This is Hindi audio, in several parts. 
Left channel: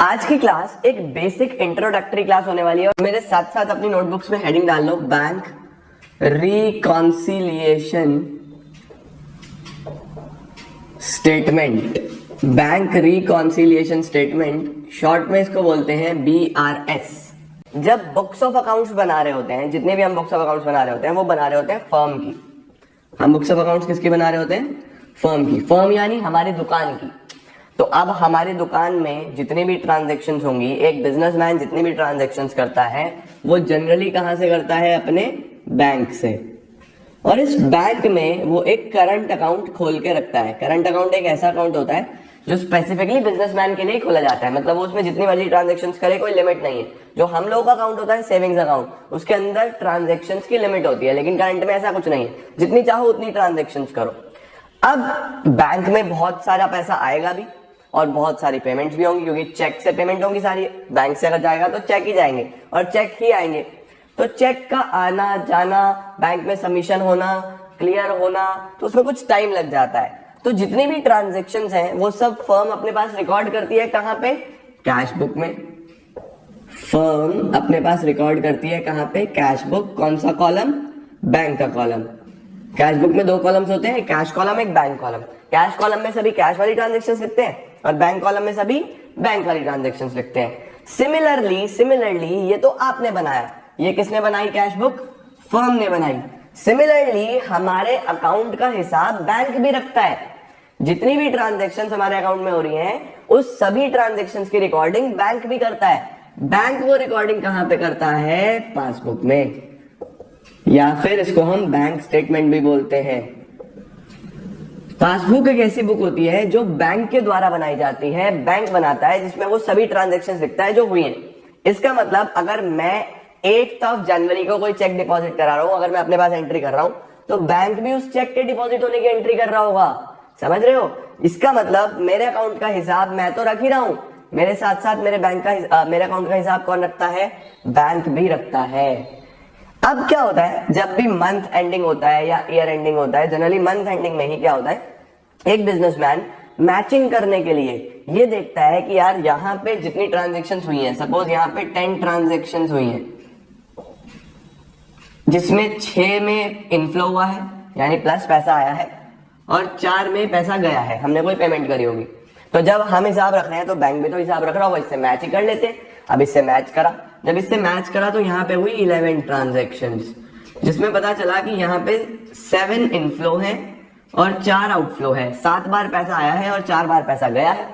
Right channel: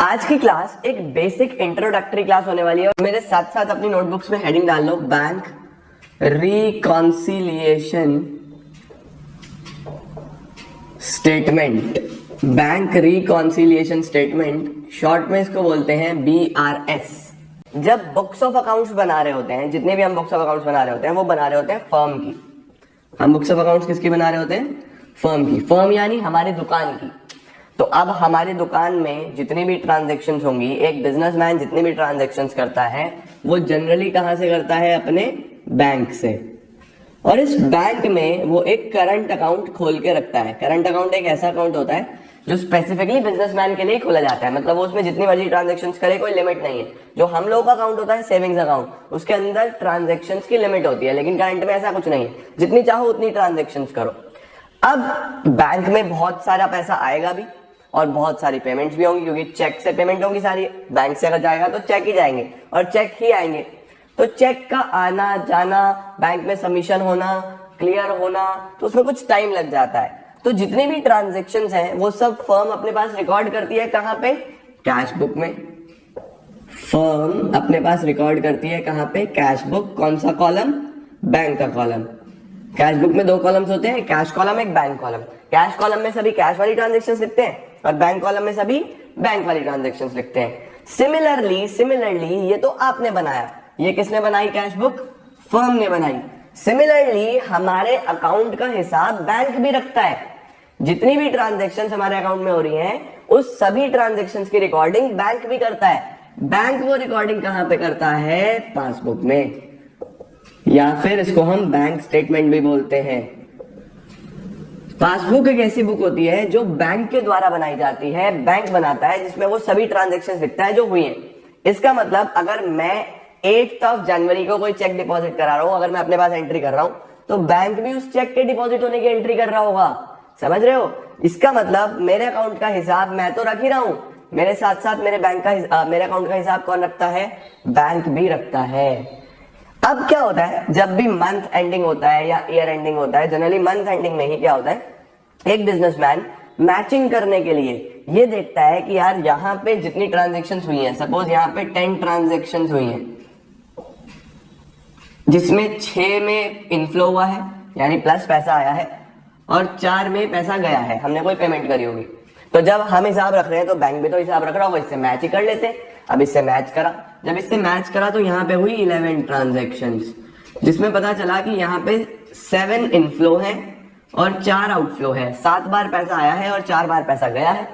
आज की क्लास एक बेसिक इंट्रोडक्टरी क्लास होने वाली है और मेरे साथ साथ अपनी नोटबुक्स में हेडिंग डाल लो, bank reconciliation statement. Bank reconciliation statement, short में इसको बोलते हैं BRS। जब बुक्स ऑफ अकाउंट्स बना रहे होते हैं, जितने भी हम बुक्स ऑफ अकाउंट्स बना रहे होते हैं वो बना रहे होते हैं फर्म की। हम बुक्स ऑफ अकाउंट्स किसकी बना रहे होते हैं? फर्म की। फर्म यानी हमारी दुकान की। तो अब हमारी दुकान में जितनी भी ट्रांजैक्शंस होंगी, एक बिजनेसमैन जितनी भी ट्रांजैक्शंस करता है वो जनरली कहां से करता है? अपने बैंक से। और इस बैंक में वो एक करंट अकाउंट खोल के रखता है। करंट अकाउंट एक ऐसा अकाउंट होता है जो स्पेसिफिकली बिजनेसमैन के लिए खोला जाता है। मतलब वो उसमें जितनी मर्जी ट्रांजैक्शंस करे, कोई लिमिट नहीं है। जो हम लोगों का अकाउंट होता है सेविंग्स अकाउंट, उसके अंदर ट्रांजैक्शंस की लिमिट होती है, लेकिन करंट में ऐसा कुछ नहीं है, जितनी चाहो उतनी ट्रांजैक्शंस करो। अब बैंक में बहुत सारा पैसा आएगा भी और बहुत सारी पेमेंट्स भी होंगी, क्योंकि चेक से पेमेंट होंगी सारी। बैंक से अगर जाएगा तो चेक ही जाएंगे और चेक ही आएंगे। तो चेक का आना जाना, बैंक में सबमिशन होना, क्लियर होना, तो उसमें कुछ टाइम लग जाता है। तो जितनी भी ट्रांजैक्शंस हैं वो सब फर्म अपने पास रिकॉर्ड करती है। कहां पे? कैश बुक में। फर्म अपने पास रिकॉर्ड करती है कहां पे? Cash book. कौन सा कॉलम? बैंक का कॉलम। कैश बुक में दो कॉलम्स होते हैं, कैश कॉलम, एक बैंक कॉलम। कैश कॉलम में सभी कैश वाली ट्रांजैक्शंस लिखते हैं और बैंक कॉलम में सभी बैंक वाली ट्रांजैक्शंस लिखते हैं। सिमिलरली ये तो आपने बनाया, ये किसने बनाई? कैश बुक फर्म ने बनाई। सिमिलरली हमारे अकाउंट का हिसाब बैंक भी रखता है। जितनी भी ट्रांजैक्शंस हमारे अकाउंट में हो रही हैं, उस सभी ट्रांजैक्शंस की रिकॉर्डिंग बैंक भी करता है। बैंक वो रिकॉर्डिंग कहां पे करता है? पासबुक में, या फिर इसको हम बैंक स्टेटमेंट भी बोलते हैं। पासबुक एक ऐसी बुक होती है जो बैंक के द्वारा बनाई जाती है, बैंक बनाता है, जिसमें वो सभी ट्रांजैक्शंस लिखता है जो हुई हैं। इसका मतलब अगर मैं 8 जनवरी को कोई चेक डिपॉजिट करा रहा हूं, अगर मैं अपने पास एंट्री कर रहा हूं, तो बैंक भी उस चेक के डिपॉजिट होने की एंट्री कर रहा होगा। समझ रहे हो? इसका मतलब मेरे अकाउंट का हिसाब मैं तो रख ही रहा हूं, मेरे साथ साथ मेरे अकाउंट का हिसाब कौन रखता है? बैंक भी रखता है। अब क्या होता है, जब भी मंथ एंडिंग होता है या ईयर एंडिंग होता है, जनरली मंथ एंडिंग में ही क्या होता है, एक बिजनेसमैन मैचिंग करने के लिए ये देखता है कि यार यहाँ पे जितनी ट्रांजैक्शंस हुई हैं, सपोज यहाँ पे 10 ट्रांजैक्शंस हुई हैं, जिसमें 6 में इनफ्लो हुआ है यानी प्लस पैसा आया है और 4 में पैसा गया है, हमने कोई पेमेंट करी होगी। तो जब हम हिसाब रख रहे हैं तो बैंक भी तो हिसाब रख रहा होगा, इससे मैच ही कर लेते हैं। अब इससे मैच करा, जब इससे मैच करा तो यहाँ पे हुई 11 ट्रांजैक्शंस, जिसमें पता चला कि यहाँ पे 7 इनफ्लो है और 4 आउटफ्लो है। 7 बार पैसा आया है और 4 बार पैसा गया है।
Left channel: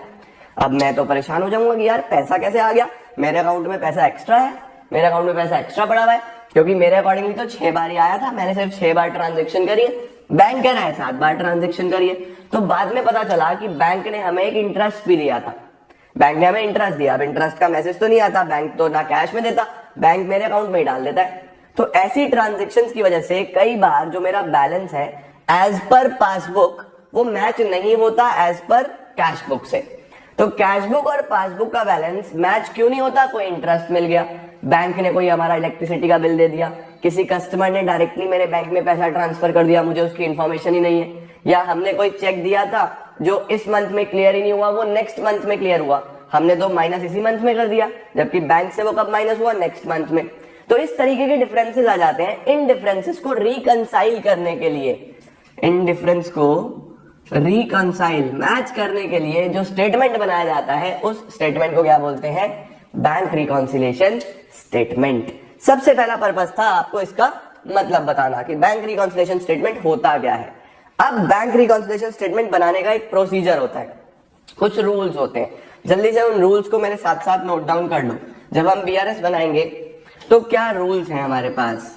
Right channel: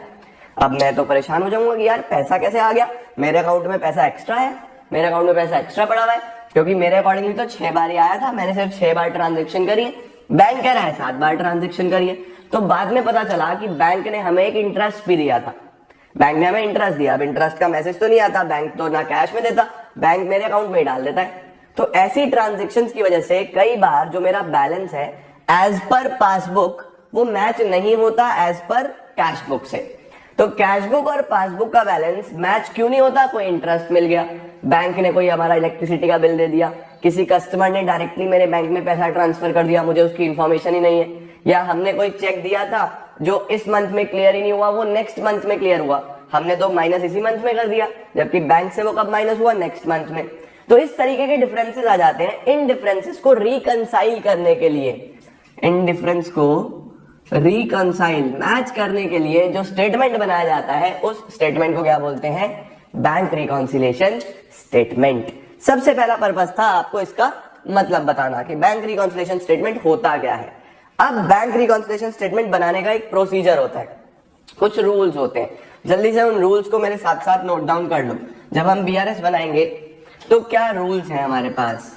अब मैं तो परेशान हो जाऊंगा कि यार पैसा कैसे आ गया, मेरे अकाउंट में पैसा एक्स्ट्रा है, मेरे अकाउंट में पैसा एक्स्ट्रा पड़ा हुआ है, क्योंकि मेरे अकॉर्डिंगली तो 6 बार ही आया था, मैंने सिर्फ 6 बार ट्रांजेक्शन करी है, बैंक कह रहा है 7 बार ट्रांजेक्शन करी है। तो बाद में पता चला कि बैंक ने हमें एक इंटरेस्ट भी दिया था, बैंक ने हमें इंटरेस्ट दिया। अब इंटरेस्ट का मैसेज तो नहीं आता, बैंक तो ना कैश में देता, बैंक मेरे अकाउंट में ही डाल देता है। तो ऐसी ट्रांजेक्शंस की वजह से कई बार जो मेरा बैलेंस है एज पर पासबुक वो मैच नहीं होता एज पर कैश बुक से। तो कैश बुक और पासबुक का बैलेंस मैच क्यों नहीं होता? कोई इंटरेस्ट मिल गया, बैंक ने कोई हमारा इलेक्ट्रिसिटी का बिल दे दिया, किसी कस्टमर ने डायरेक्टली मेरे बैंक में पैसा ट्रांसफर कर दिया, मुझे उसकी इन्फॉर्मेशन ही नहीं है, या हमने कोई चेक दिया था जो इस मंथ में क्लियर ही नहीं हुआ, वो नेक्स्ट मंथ में क्लियर हुआ, हमने तो माइनस इसी मंथ में कर दिया, जबकि बैंक से वो कब माइनस हुआ? नेक्स्ट मंथ में। तो इस तरीके के डिफरेंसेस आ जाते हैं। इन डिफरेंसेस को रिकंसाइल करने के लिए, इन डिफरेंस को रिकंसाइल मैच करने के लिए जो स्टेटमेंट बनाया जाता है, उस स्टेटमेंट को क्या बोलते हैं? Bank reconciliation statement. सबसे पहला पर्पस था आपको इसका मतलब बताना कि बैंक रिकॉन्सिलिएशन स्टेटमेंट होता क्या है। अब बैंक रिकॉन्सिलिएशन स्टेटमेंट बनाने का एक प्रोसीजर होता है, कुछ रूल्स होते हैं। जल्दी से उन रूल्स को मेरे साथ साथ नोट डाउन कर लो। जब हम BRS बनाएंगे तो क्या रूल्स हैं हमारे पास?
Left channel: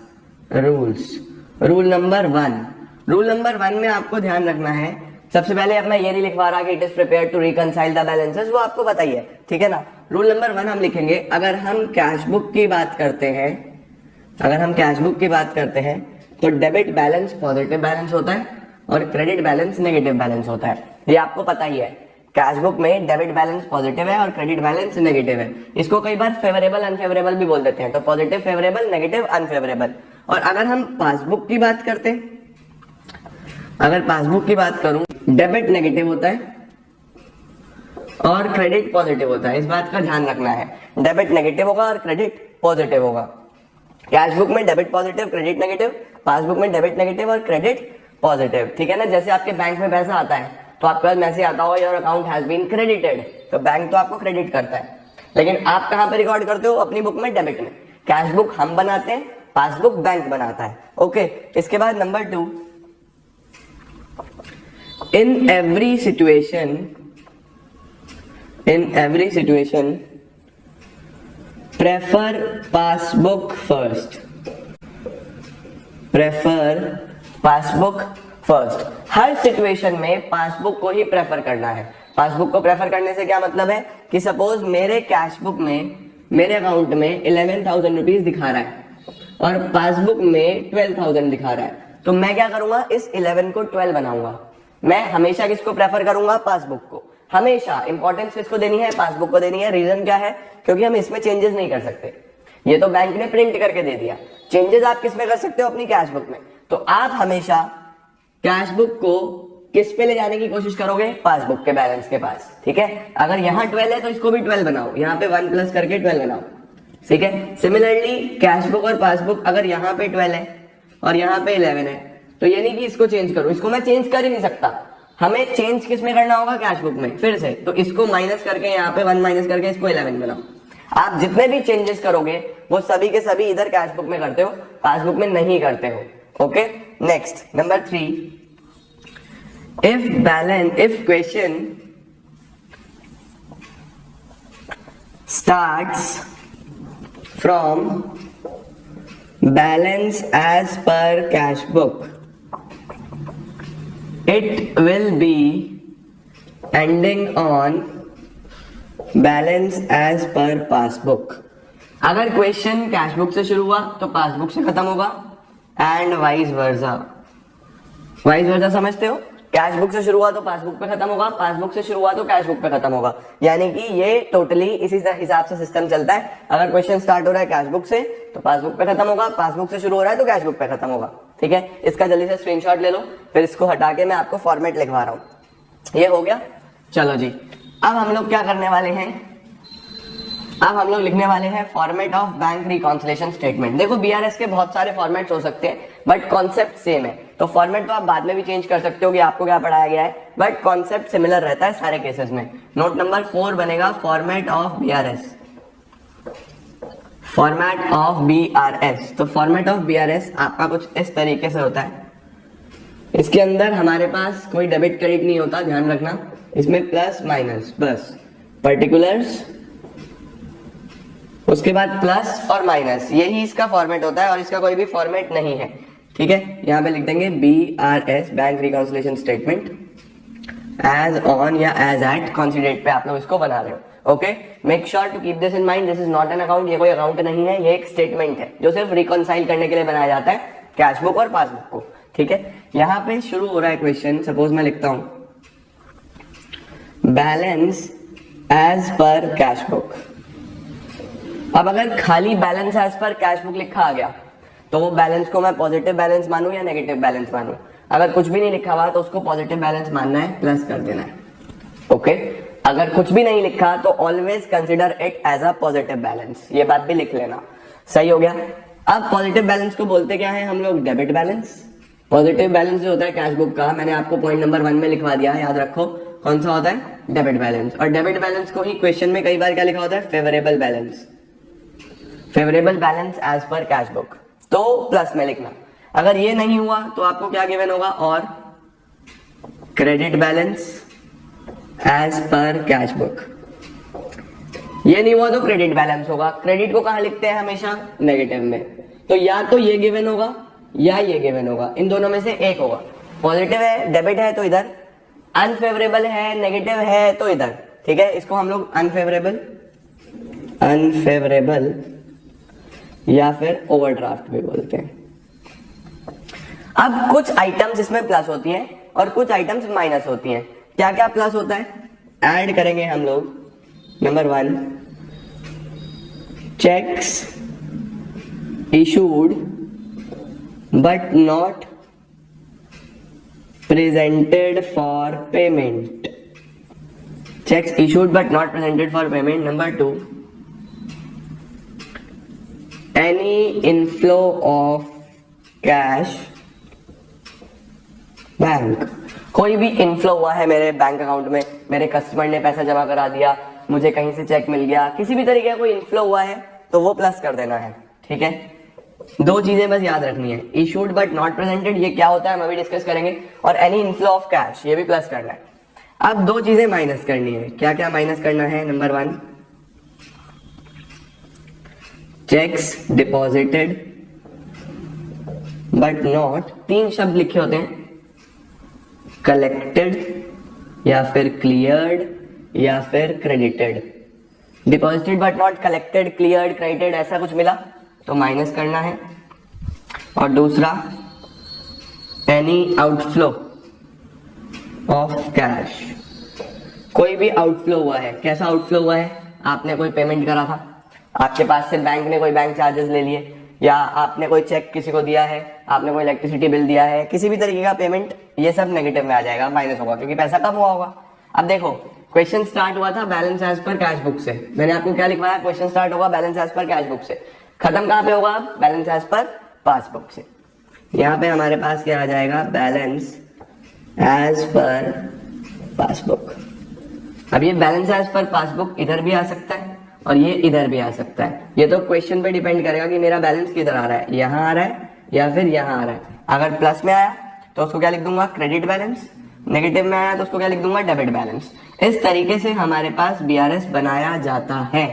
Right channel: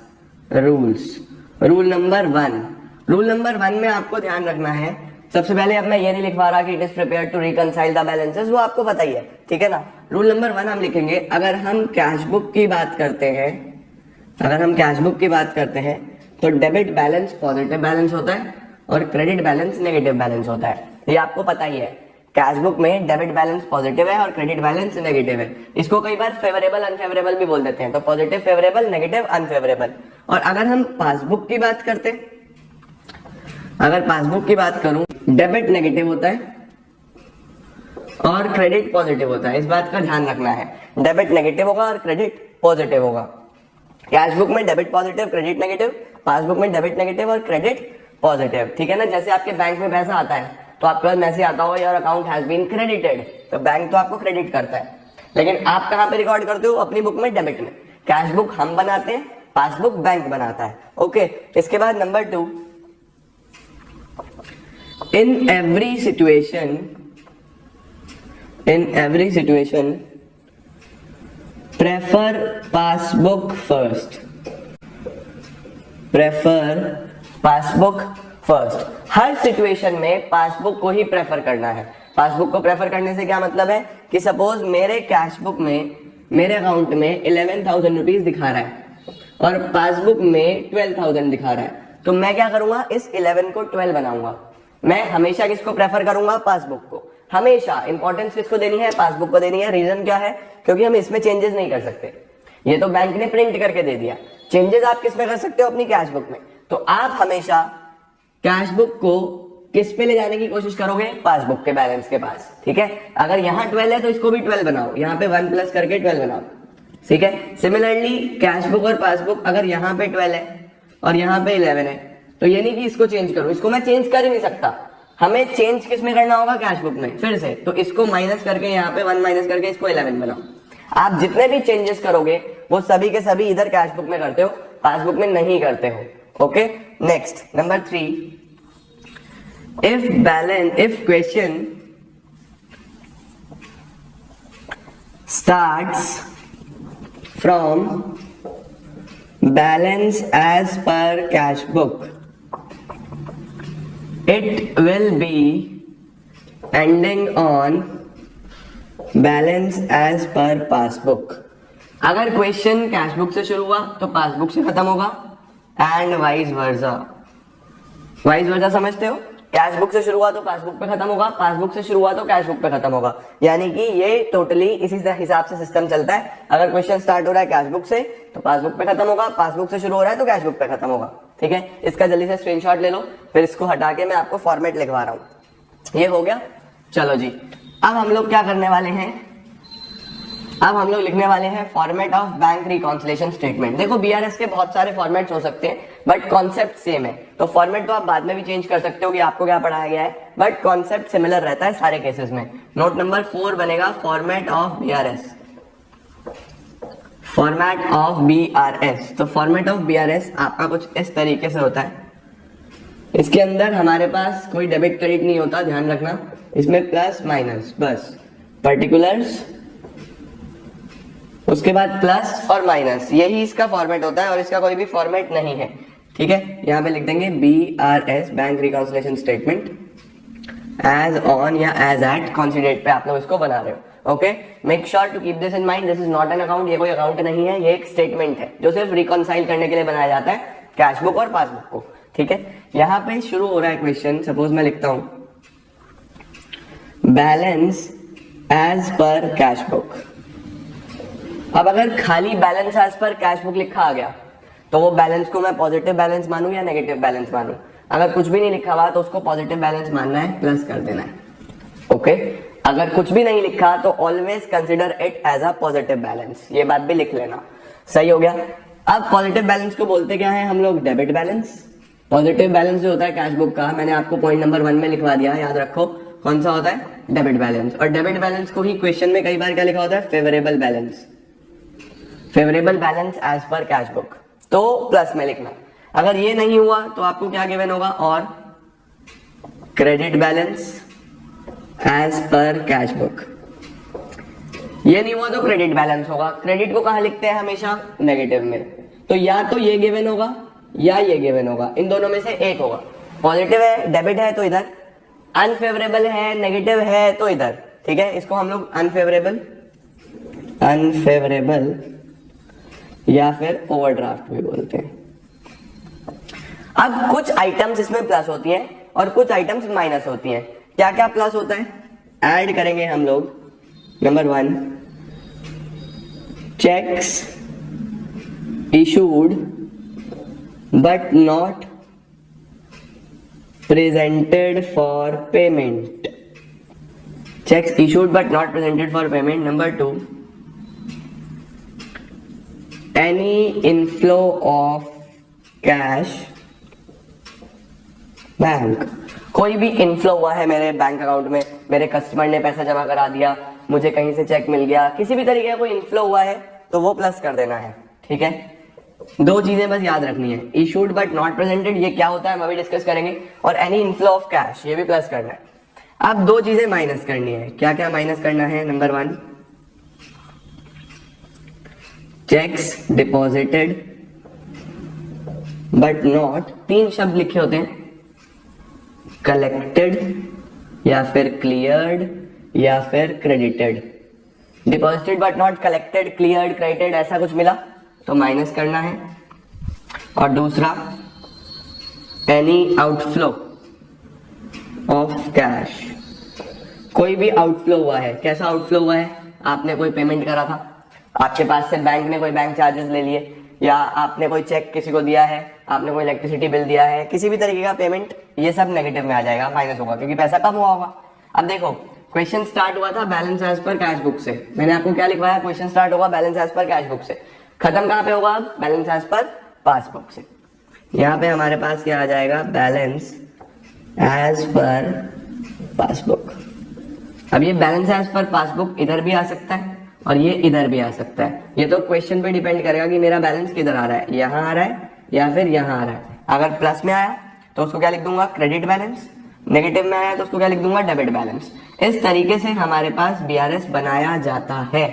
रूल नंबर 1 में आपको ध्यान रखना है, सबसे पहले अब मैं ये नहीं लिखवा रहा कि it is prepared to reconcile the balances, वो आपको पता ही है, ठीक है ना। रूल नंबर 1 हम लिखेंगे, अगर हम कैश बुक की बात करते हैं, तो डेबिट बैलेंस पॉजिटिव बैलेंस होता है और क्रेडिट बैलेंस नेगेटिव बैलेंस होता है। ये आपको पता ही है, कैश बुक में डेबिट बैलेंस पॉजिटिव है और क्रेडिट बैलेंस नेगेटिव है। इसको कई बार फेवरेबल अनफेवरेबल भी बोल देते हैं, तो पॉजिटिव फेवरेबल, नेगेटिव अनफेवरेबल। और अगर हम पासबुक की बात करते हैं, अगर पासबुक की बात करूं, डेबिट नेगेटिव होता है और क्रेडिट पॉजिटिव होता है, इस बात का ध्यान रखना है। डेबिट नेगेटिव होगा और क्रेडिट पॉजिटिव होगा। कैश बुक में debit positive, credit negative, passbook में डेबिट नेगेटिव और क्रेडिट पॉजिटिव, ठीक है ना। जैसे आपके बैंक में पैसा आता है तो आपके पास मैसेज आता होगा your account has been credited, तो बैंक तो आपको क्रेडिट करता है, लेकिन आप कहां पे रिकॉर्ड करते हो? अपनी बुक में, डेबिट में। कैश बुक हम बनाते हैं, पासबुक बैंक बनाता है। ओके, इसके बाद number 2, in every situation prefer passbook first. Her situation में पासबुक को ही प्रेफर करना है। पासबुक को प्रेफर करने से क्या मतलब है कि सपोज मेरे कैश बुक में, मेरे अकाउंट में 11,000 रुपीज दिखा रहा है और पासबुक में 12,000 दिखा रहा है, तो मैं क्या करूंगा? इस 11 को 12 बनाऊंगा। मैं हमेशा किसको प्रेफर करूंगा? पासबुक को। हमेशा इंपॉर्टेंस किसको देनी है? पासबुक को देनी है। रीजन क्या है? क्योंकि हम इसमें चेंजेस नहीं कर सकते, ये तो बैंक ने प्रिंट करके दे दिया। चेंजेस आप किस में कर सकते हो? अपनी कैश बुक में। तो आप हमेशा कैश बुक को किस पे ले जाने की कोशिश करोगे? पासबुक के बैलेंस के पास, ठीक है। अगर यहाँ 12 है तो इसको भी 12 बनाओ, यहाँ पे 1 प्लस करके 12 बनाओ, ठीक है। सिमिलरली कैश बुक और पासबुक, अगर यहाँ पे 12 है और यहाँ पे 11 है, तो ये नहीं कि इसको चेंज करो, इसको मैं चेंज कर ही नहीं सकता। हमें चेंज किस में करना होगा? कैश बुक में। फिर से तो इसको माइनस करके, यहाँ पे 1 माइनस करके इसको 11 बनाओ। आप जितने भी चेंजेस करोगे वो सभी के सभी इधर कैश बुक में करते हो, पासबुक में नहीं करते हो। Okay, next number 3, if question starts from balance as per cash book, it will be ending on balance as per passbook। अगर क्वेश्चन कैश बुक से शुरू हुआ तो पासबुक से खत्म होगा, एंड वाइस वर्सा समझते हो? कैश बुक से शुरू हुआ तो पासबुक पे खत्म होगा, पासबुक से शुरू हुआ तो कैश बुक पे खत्म होगा। यानी कि ये टोटली इसी हिसाब से सिस्टम चलता है। अगर क्वेश्चन स्टार्ट हो रहा है कैश बुक से तो पासबुक पे खत्म होगा, पासबुक से शुरू हो रहा है तो कैश बुक पे खत्म होगा, ठीक है। इसका जल्दी से स्क्रीनशॉट ले लो, फिर इसको हटा के मैं आपको फॉर्मेट लिखवा रहा हूं। ये हो गया, चलो जी। अब हम लोग क्या करने वाले हैं? अब हम लोग लिखने वाले हैं format of bank reconciliation statement. देखो बीआरएस के बहुत सारे फॉर्मेट्स हो सकते हैं, बट कॉन्सेप्ट सेम है। तो फॉर्मेट तो आप बाद में भी चेंज कर सकते हो कि आपको क्या पढ़ाया गया है, बट कॉन्सेप्ट सिमिलर रहता है सारे केसेस में। नोट नंबर 4 बनेगा format of BRS. Format of BRS, तो फॉर्मेट ऑफ बीआरएस आपका कुछ इस तरीके से होता है। इसके अंदर हमारे पास कोई डेबिट क्रेडिट नहीं होता, ध्यान रखना। इसमें प्लस माइनस, बस पर्टिकुलर्स, उसके बाद प्लस और माइनस, यही इसका फॉर्मेट होता है और इसका कोई भी फॉर्मेट नहीं है, ठीक है। यहां पे लिख देंगे BRS, bank reconciliation statement, as on या एज एट कौन सी डेट पे आप लोग इसको बना रहे हो। Okay, make sure to keep this in mind, this is not an account. ये कोई अकाउंट नहीं है, ये एक स्टेटमेंट है जो सिर्फ रिकॉन्साइल करने के लिए बनाया जाता है कैश बुक और पासबुक को, ठीक है। यहाँ पे शुरू हो रहा है क्वेश्चन, सपोज मैं लिखता हूं balance as per cash book. अब अगर खाली balance as per cash book लिखा आ गया तो वो बैलेंस को मैं पॉजिटिव बैलेंस मानूं या नेगेटिव बैलेंस मानूं? अगर कुछ भी नहीं लिखा हुआ तो उसको पॉजिटिव बैलेंस मानना है, प्लस कर देना है। ओके, अगर कुछ भी नहीं लिखा तो always consider it as a positive balance, ये बात भी लिख लेना। सही हो गया। अब पॉजिटिव बैलेंस को बोलते क्या है हम लोग? Debit balance. पॉजिटिव बैलेंस जो होता है कैश बुक का, मैंने आपको पॉइंट नंबर 1 में लिखवा दिया, याद रखो कौन सा होता है? Debit balance. और डेबिट बैलेंस को ही क्वेश्चन में कई बार क्या लिखा होता है? Favourable balance. Favourable balance as per cash book, तो प्लस में लिखना। अगर ये नहीं हुआ तो आपको क्या गिवन होगा? और credit balance as per cash book. ये नहीं हुआ तो क्रेडिट बैलेंस होगा। क्रेडिट को कहां लिखते हैं? हमेशा नेगेटिव में। तो या तो ये गिवन होगा या ये गिवन होगा, इन दोनों में से एक होगा। पॉजिटिव है, डेबिट है तो इधर, अनफेवरेबल है, नेगेटिव है तो इधर, ठीक है। इसको हम लोग अनफेवरेबल या फिर ओवरड्राफ्ट भी बोलते हैं। अब कुछ आइटम्स इसमें प्लस होती है और कुछ आइटम्स माइनस होती हैं। क्या क्या प्लस होता है? ऐड करेंगे हम लोग। Number 1, cheques issued but not presented for payment. Cheques issued but not presented for payment. Number 2, any inflow of cash bank. कोई भी इनफ्लो हुआ है मेरे बैंक अकाउंट में, मेरे कस्टमर ने पैसा जमा करा दिया, मुझे कहीं से चेक मिल गया, किसी भी तरीके का कोई इनफ्लो हुआ है तो वो प्लस कर देना है। ठीक है, 2 चीजें बस याद रखनी है, इशूड बट नॉट प्रेजेंटेड ये क्या होता है हम अभी डिस्कस करेंगे, और एनी इनफ्लो ऑफ कैश ये भी प्लस करना है। अब 2 चीजें माइनस करनी है। क्या क्या माइनस करना है? Number 1, checks deposited but not, 3 शब्द लिखे होते हैं, कलेक्टेड या फिर क्लियर्ड या फिर credited. Deposited but not collected, cleared, credited ऐसा कुछ मिला तो माइनस करना है। और दूसरा, एनी आउटफ्लो ऑफ कैश, कोई भी आउटफ्लो हुआ है। कैसा आउटफ्लो हुआ है? आपने कोई पेमेंट करा था, आपके पास से बैंक ने कोई बैंक चार्जेस ले लिए, या आपने कोई चेक किसी को दिया है, आपने कोई इलेक्ट्रिसिटी बिल दिया है, किसी भी तरीके का पेमेंट, ये सब नेगेटिव में आ जाएगा, माइनस होगा क्योंकि पैसा कम हुआ होगा। अब देखो क्वेश्चन स्टार्ट हुआ था balance as per cash book से, मैंने आपको क्या लिखवाया? क्वेश्चन स्टार्ट होगा balance as per cash book से, खत्म कहां पे होगा? अब बैलेंस एज पर पासबुक से। यहाँ पे हमारे पास क्या आ जाएगा? Balance as per passbook. अब ये बैलेंस एज पर पासबुक इधर भी आ सकता है और ये इधर भी आ सकता है, ये तो क्वेश्चन पे डिपेंड करेगा कि मेरा बैलेंस किधर आ रहा है, यहाँ आ रहा है या फिर यहाँ आ रहा है। अगर प्लस में आया तो उसको क्या लिख दूंगा? Credit balance. नेगेटिव में आया तो उसको क्या लिख दूंगा? Debit balance. इस तरीके से हमारे पास बीआरएस बनाया जाता है।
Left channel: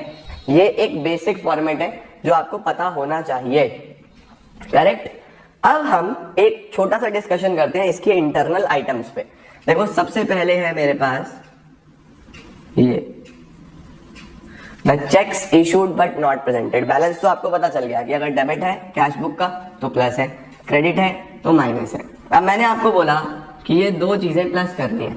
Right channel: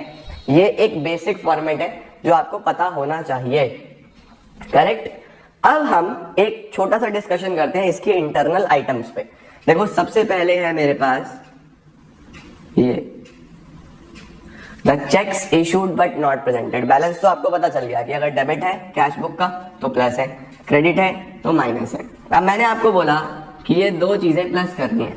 ये एक बेसिक फॉर्मेट है जो आपको पता होना चाहिए, करेक्ट। अब हम एक छोटा सा डिस्कशन करते हैं इसके इंटरनल आइटम्स पे। देखो सबसे पहले है मेरे पास ये the cheques issued but not presented. Balance तो आपको पता चल गया कि अगर डेबिट है कैश बुक का तो प्लस है, क्रेडिट है तो माइनस है। अब मैंने आपको बोला कि ये 2 चीजें प्लस करनी है।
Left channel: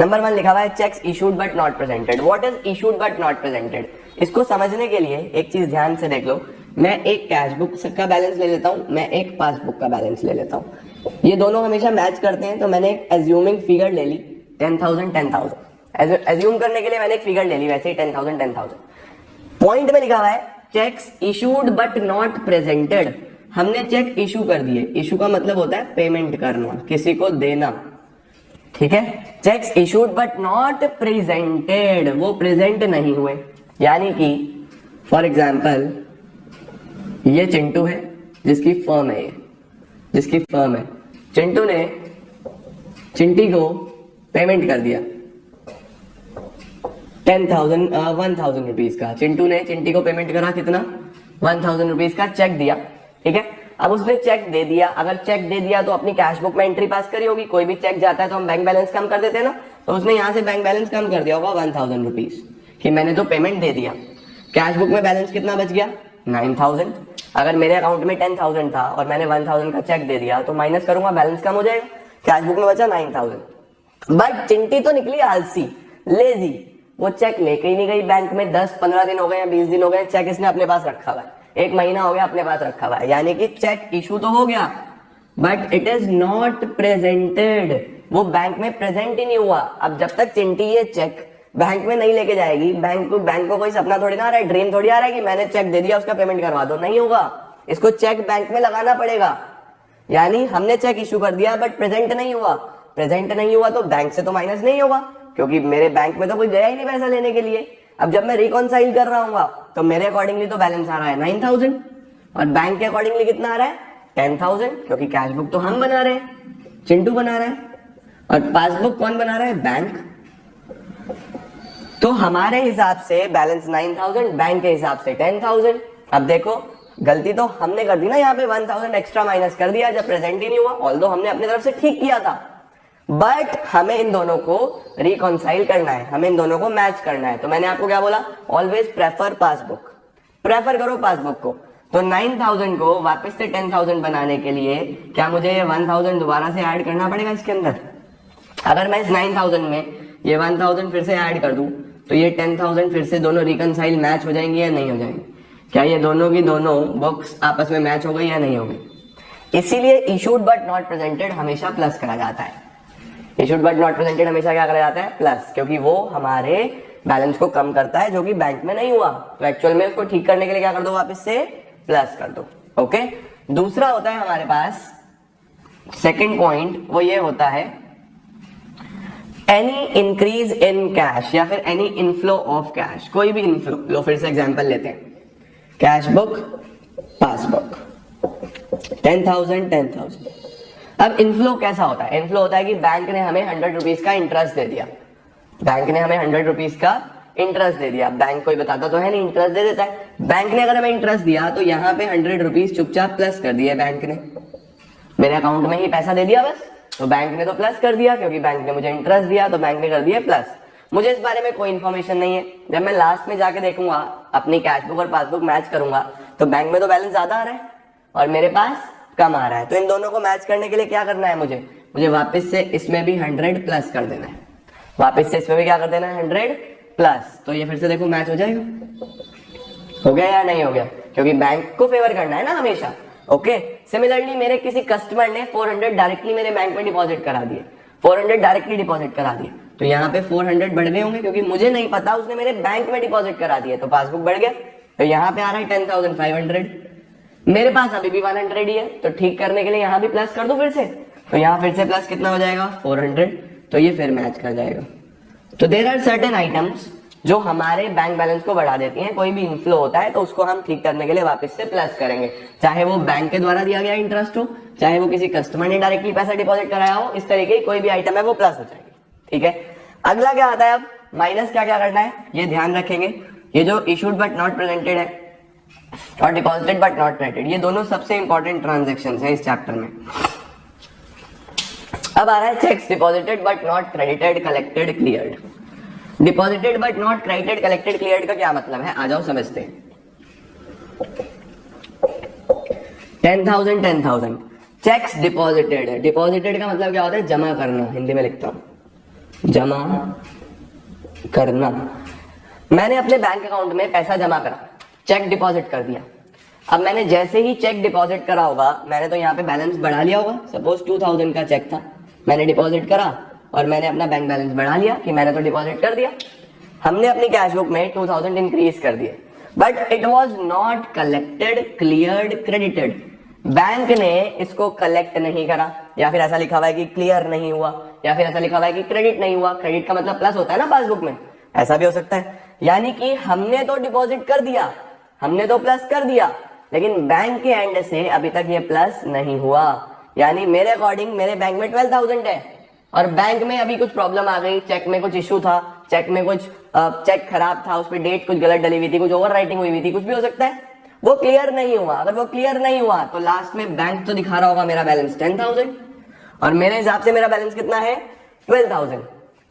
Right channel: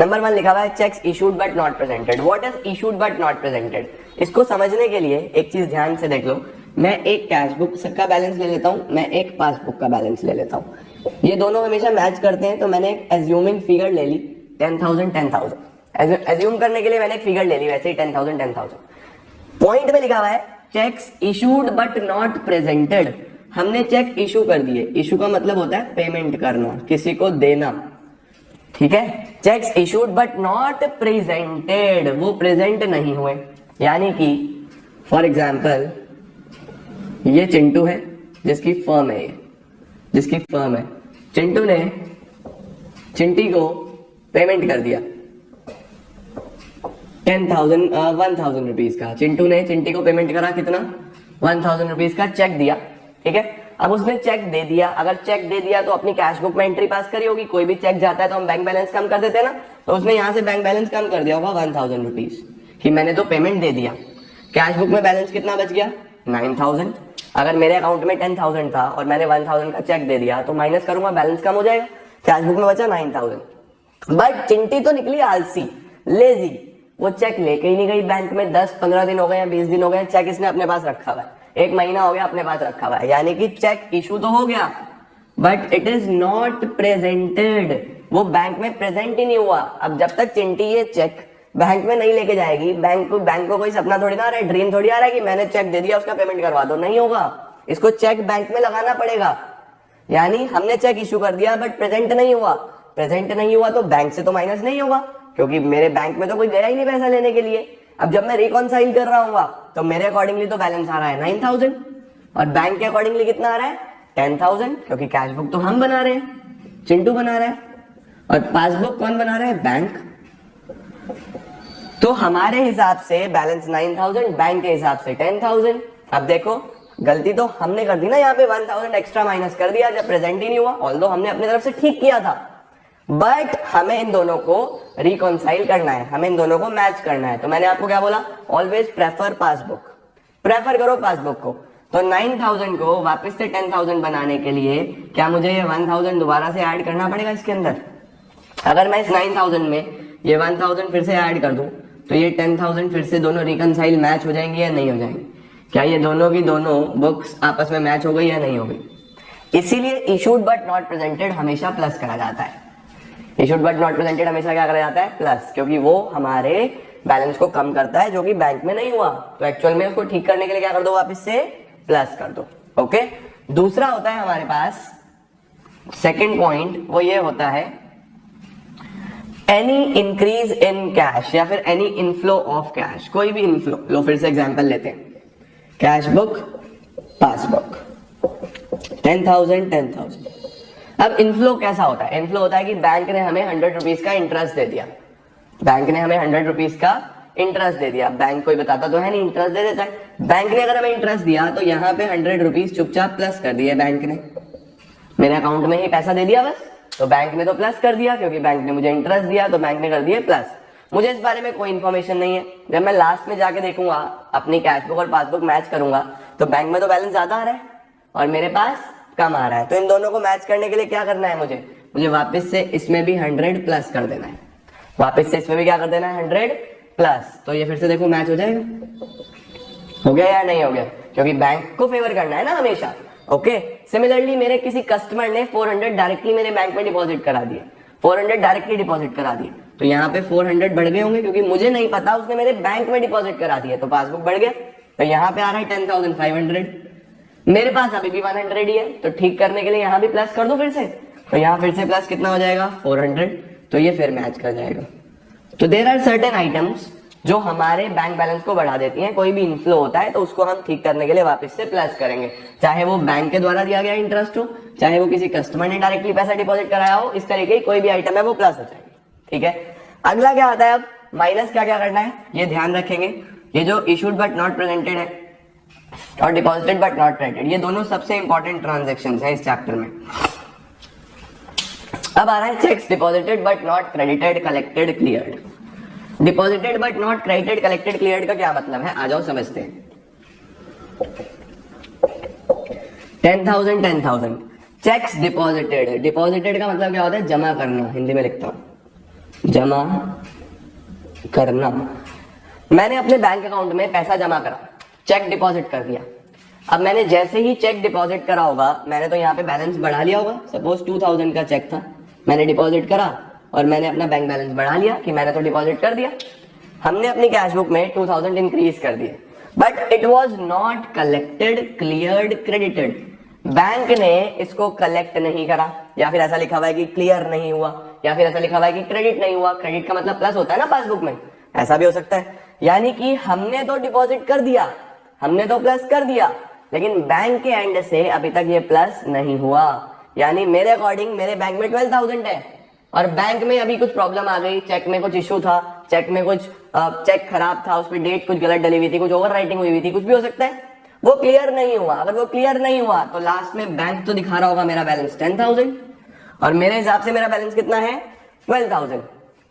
नंबर 1 लिखा हुआ है cheques issued but not presented. What is issued but not presented? इसको समझने के लिए एक चीज ध्यान से देख लो। मैं एक कैश बुक का बैलेंस ले लेता हूं, मैं एक पासबुक का बैलेंस ले लेता हूं, ये दोनों हमेशा मैच करते हैं, तो मैंने एक एज्यूमिंग फिगर ले ली 10,000। एज्यूम करने के लिए मैंने एक फिगर ले ली, वैसे ही 10,000। पॉइंट में लिखा हुआ है cheques issued but not presented. हमने चेक इशू कर दिए, इशू का मतलब होता है पेमेंट करना, किसी को देना, ठीक है। Cheques issued but not presented, वो प्रेजेंट नहीं हुए। यानी कि फॉर एग्जाम्पल ये चिंटू है जिसकी फर्म है, ये जिसकी फर्म है, चिंटू ने चिंटी को पेमेंट कर दिया 1,000 रुपीज का। चिंटू ने चिंटी को पेमेंट करा कितना? 1,000 रुपीज का चेक दिया, ठीक है। अब उसने चेक दे दिया, अगर चेक दे दिया तो अपनी कैश बुक में एंट्री पास करी होगी। कोई भी चेक जाता है तो हम बैंक बैलेंस कम कर देते हैं ना, तो उसने यहाँ से बैंक बैलेंस कम कर दिया होगा 1,000 रुपीज कि मैंने तो पेमेंट दे दिया। कैश बुक में बैलेंस कितना बच गया? 9,000। अगर मेरे अकाउंट में 10,000 था और मैंने 1,000 का चेक दे दिया तो माइनस करूंगा, बैलेंस कम हो जाएगा, कैश बुक में बचा 9,000। बट चिंटी तो निकली आलसी, लेजी, वो चेक लेके ही नहीं गई बैंक में। 10-15 दिन हो गए, 20 दिन हो गए, चेक इसने अपने पास रखा हुआ है, 1 महीना हो गया अपने पास रखा हुआ है। यानी कि चेक इशू तो हो गया but it is not presented, वो बैंक में प्रेजेंट ही नहीं हुआ। अब जब तक चिंटी ये चेक बैंक में नहीं लेके जाएगी, बैंक को कोई सपना थोड़ी ना आ रहा है, ड्रीम थोड़ी आ रहा है कि मैंने चेक दे दिया उसका पेमेंट करवा दो, नहीं होगा। इसको चेक बैंक में लगाना पड़ेगा। यानी हमने चेक इशू कर दिया बट प्रेजेंट नहीं हुआ। प्रेजेंट नहीं हुआ तो बैंक से तो माइनस नहीं होगा, क्योंकि मेरे बैंक में तो कोई गया ही नहीं पैसा लेने के लिए। अब जब मैं रिकॉन्साइल कर रहा हूँ तो मेरे अकॉर्डिंगली तो बैलेंस आ रहा है 9,000 और बैंक के अकॉर्डिंगली कितना आ रहा है? 10,000, क्योंकि कैश बुक तो हम बना रहे हैं, चिंटू बना रहा है, और पासबुक कौन बना रहा है? बैंक। तो हमारे हिसाब से बैलेंस 9,000, बैंक के हिसाब से 10,000। अब देखो गलती तो हमने कर दी ना, यहाँ पे 1,000 एक्स्ट्रा माइनस कर दिया जब प्रेजेंट ही नहीं हुआ। ऑल्दो हमने अपनी तरफ से ठीक किया था, बट हमें इन दोनों को रिकॉन्साइल करना है, हमें इन दोनों को मैच करना है। तो मैंने आपको क्या बोला? ऑलवेज प्रेफर पासबुक, प्रेफर करो पासबुक को। तो 9,000 को वापस से 10,000 बनाने के लिए क्या मुझे ये 1,000 दोबारा से ऐड करना पड़ेगा इसके अंदर? अगर मैं इस 9,000 में ये 1,000 फिर से ऐड कर दूं तो ये 10,000 फिर से दोनों रिकॉन्साइल मैच हो जाएंगी या नहीं हो जाएंगी? क्या ये दोनों की दोनों बुक्स आपस में मैच हो गई या नहीं हो गई? इसीलिए इशूड बट नॉट प्रेजेंटेड हमेशा प्लस करा जाता है। इशूड बट नॉट प्रेजेंटेड हमेशा क्या करा जाता है, प्लस, क्योंकि वो हमारे बैलेंस को कम करता है जो कि बैंक में नहीं हुआ, तो एक्चुअल में उसको ठीक करने के लिए क्या कर दो, वापस से प्लस कर दो। ओके, दूसरा होता है हमारे पास सेकंड पॉइंट, वो ये होता है एनी इंक्रीज इन कैश या फिर एनी इनफ्लो ऑफ कैश, कोई भी इनफ्लो लो, फिर से एग्जांपल लेते हैं, कैश बुक, पासबुक, 10,000 10,000। अब इनफ्लो कैसा होता है, इनफ्लो होता है कि बैंक ने हमें 100 रुपीज का इंटरेस्ट दे दिया, बैंक ने हमें 100 रुपीज का इंटरेस्ट दे दिया, बैंक कोई बताता तो है नहीं, इंटरेस्ट दे देता है, बैंक ने अगर हमें इंटरेस्ट दिया तो यहाँ पे 100 रुपीज चुपचाप प्लस कर दिए बैंक ने, मेरे अकाउंट में ही पैसा दे दिया बस, तो बैंक ने तो प्लस कर दिया, क्योंकि बैंक ने मुझे इंटरेस्ट दिया तो बैंक ने कर दिया प्लस। मुझे इस बारे में कोई इन्फॉर्मेशन नहीं है, जब मैं लास्ट में जाके देखूंगा अपनी कैश बुक और पासबुक मैच करूंगा तो बैंक में तो बैलेंस ज्यादा आ रहा है और मेरे पास कम आ रहा है, तो इन दोनों को मैच करने के लिए क्या करना है, मुझे वापस से इसमें भी 100 प्लस कर देना है, वापस से इसमें भी क्या कर देना है, 100 प्लस, तो ये फिर से देखो मैच हो जाएगा, हो गया या नहीं हो गया, क्योंकि बैंक को फेवर करना है ना हमेशा। ओके, सिमिलरली मेरे किसी कस्टमर ने 400 डायरेक्टली मेरे बैंक में डिपॉजिट करा दिए, 400 डायरेक्टली डिपॉजिट करा दिए, तो यहाँ पे 400 बढ़ गए होंगे, क्योंकि मुझे नहीं पता उसने मेरे बैंक में डिपॉजिट करा दिया, तो पासबुक बढ़ गया, तो यहाँ पे आ रहा है 10,500, मेरे पास अभी भी 100 ही है, तो ठीक करने के लिए यहाँ भी प्लस कर दो फिर से, तो यहाँ फिर से प्लस कितना हो जाएगा, 400, तो ये फिर मैच कर जाएगा। तो देयर आर सर्टेन आइटम्स जो हमारे बैंक बैलेंस को बढ़ा देती हैं, कोई भी इनफ्लो होता है तो उसको हम ठीक करने के लिए वापस से प्लस करेंगे, चाहे वो बैंक के द्वारा दिया गया इंटरेस्ट हो, चाहे वो किसी कस्टमर ने डायरेक्टली पैसा डिपॉजिट कराया हो, इस तरीके की कोई भी आइटम है वो प्लस हो जाएगी। ठीक है, अगला क्या आता है, अब माइनस क्या क्या करना है ये ध्यान रखेंगे, ये जो इशूड बट नॉट प्रेजेंटेड है और डिपॉजिटेड बट नॉट क्रेडिटेड, ये दोनों सबसे इंपॉर्टेंट ट्रांजेक्शंस हैं इस चैप्टर में। अब आ रहा है checks deposited but not credited, collected, cleared. Deposited but not credited, collected, cleared का क्या मतलब है, आ जाओ समझते हैं। 10,000 10,000 चेक्स डिपॉजिटेड है, डिपॉजिटेड का मतलब क्या होता है, जमा करना, हिंदी में लिखता हूं, जमा करना। मैंने अपने बैंक अकाउंट में पैसा जमा करा, चेक डिपॉजिट कर दिया, अब मैंने जैसे ही चेक डिपॉजिट करा होगा, मैंने तो यहाँ पे बैलेंस बढ़ा लिया होगा, सपोज 2,000 का चेक था, मैंने डिपॉजिट करा और मैंने अपना बैंक बैलेंस बढ़ा लिया कि मैंने तो डिपॉजिट कर दिया, हमने अपनी कैश बुक में 2,000 इंक्रीज कर दिए, but it was not collected, cleared, credited, bank ने इसको कलेक्ट नहीं करा, या फिर ऐसा लिखा हुआ है कि क्लियर नहीं हुआ, या फिर ऐसा लिखा हुआ है कि क्रेडिट नहीं हुआ, क्रेडिट का मतलब प्लस होता है ना पासबुक में, ऐसा भी हो सकता है, यानी कि हमने तो डिपॉजिट कर दिया, हमने तो प्लस कर दिया, लेकिन बैंक के एंड से अभी तक ये प्लस नहीं हुआ, यानी मेरे अकॉर्डिंग मेरे बैंक में 12,000 है और बैंक में अभी कुछ प्रॉब्लम आ गई, चेक में कुछ इशू था, चेक में कुछ चेक खराब था, उस पर डेट कुछ गलत डली हुई थी, कुछ ओवर राइटिंग हुई हुई थी, कुछ भी हो सकता है, वो क्लियर नहीं हुआ। अगर वो क्लियर नहीं हुआ तो लास्ट में बैंक तो दिखा रहा होगा मेरा बैलेंस 10,000 और मेरे हिसाब से मेरा बैलेंस कितना है 12,000,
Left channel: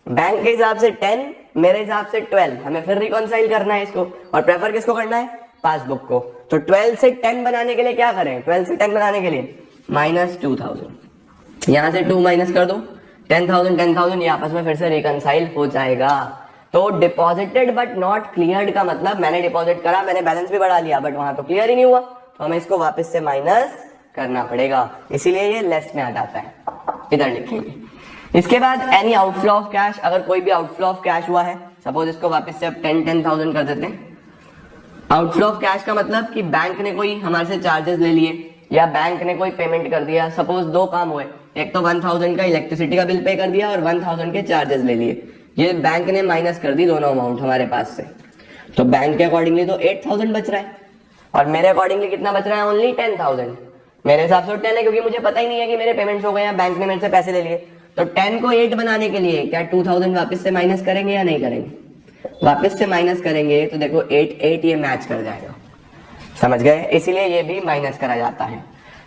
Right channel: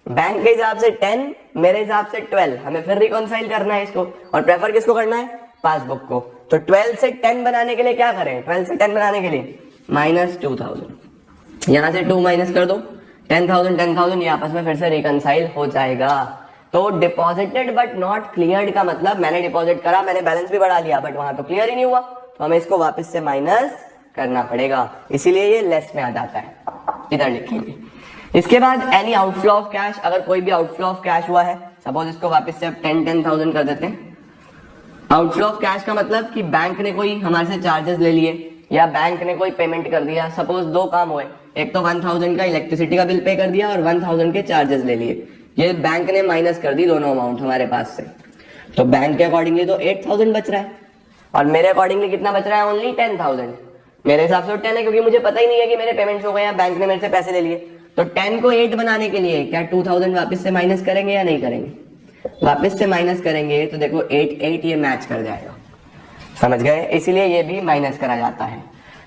बैंक के हिसाब से 10, मेरे हिसाब से 12, हमें फिर रिकॉन्साइल करना है इसको और प्रेफर किसको करना है, पासबुक को। तो 12 से 10 बनाने के लिए क्या करें, 12 से 10 बनाने के लिए -2,000, यहां से 2 माइनस कर दो, 10,000 10,000 ये आपस में फिर से रिकंसाइल हो जाएगा। तो डिपॉजिटेड बट नॉट क्लियर्ड का मतलब मैंने डिपॉजिट करा, मैंने बैलेंस भी बढ़ा लिया, बट वहां तो क्लियर ही नहीं हुआ, तो हमें इसको वापस से माइनस करना पड़ेगा, इसीलिए ये लेस में आ जाता है, इधर लिखेंगे। इसके बाद एनी आउटफ्लो ऑफ कैश, अगर कोई भी आउटफ्लो ऑफ कैश हुआ है, सपोज इसको वापस से अब 10,000 कर देते हैं। आउटफ्लो ऑफ कैश का मतलब कि बैंक ने कोई हमारे से चार्जेस ले लिए या बैंक ने कोई पेमेंट कर दिया, सपोज 2 काम हुए, एक तो 1,000 का इलेक्ट्रिसिटी का बिल पे कर दिया और 1,000 के चार्जेस ले लिए, ये बैंक ने माइनस कर दी दोनों अमाउंट हमारे पास से, तो बैंक के अकॉर्डिंगली तो 8,000 बच रहा है और मेरे अकॉर्डिंगली कितना बच रहा है, ओनली 10,000। मेरे हिसाब से 10 है क्योंकि मुझे पता ही नहीं है कि मेरे पेमेंट्स हो गए हैं, बैंक ने मेरे से पैसे ले लिए, तो 10 को 8 बनाने के लिए क्या 2,000 वापस से माइनस करेंगे या नहीं करेंगे, वापस से माइनस करेंगे, तो देखो 8 ये मैच कर जाएगा, समझ गए, इसीलिए ये भी माइनस करा जाता है।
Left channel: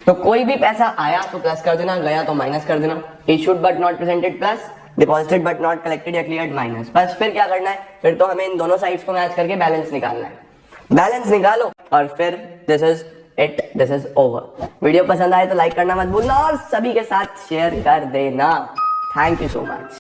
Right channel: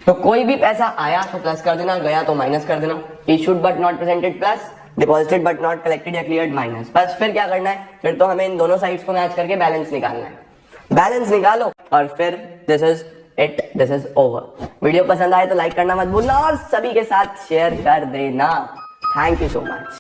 तो कोई भी पैसा आया तो प्लस कर देना, गया तो माइनस कर देना, issued but not presented plus, deposited but not collected या क्लियर्ड माइनस, बस फिर क्या करना है, फिर तो हमें इन दोनों साइड्स को मैच करके बैलेंस निकालना है, बैलेंस निकालो और फिर this is it, this is over. Video पसंद आए तो लाइक करना मत भूलना और सभी के साथ शेयर कर देना। Thank you so much.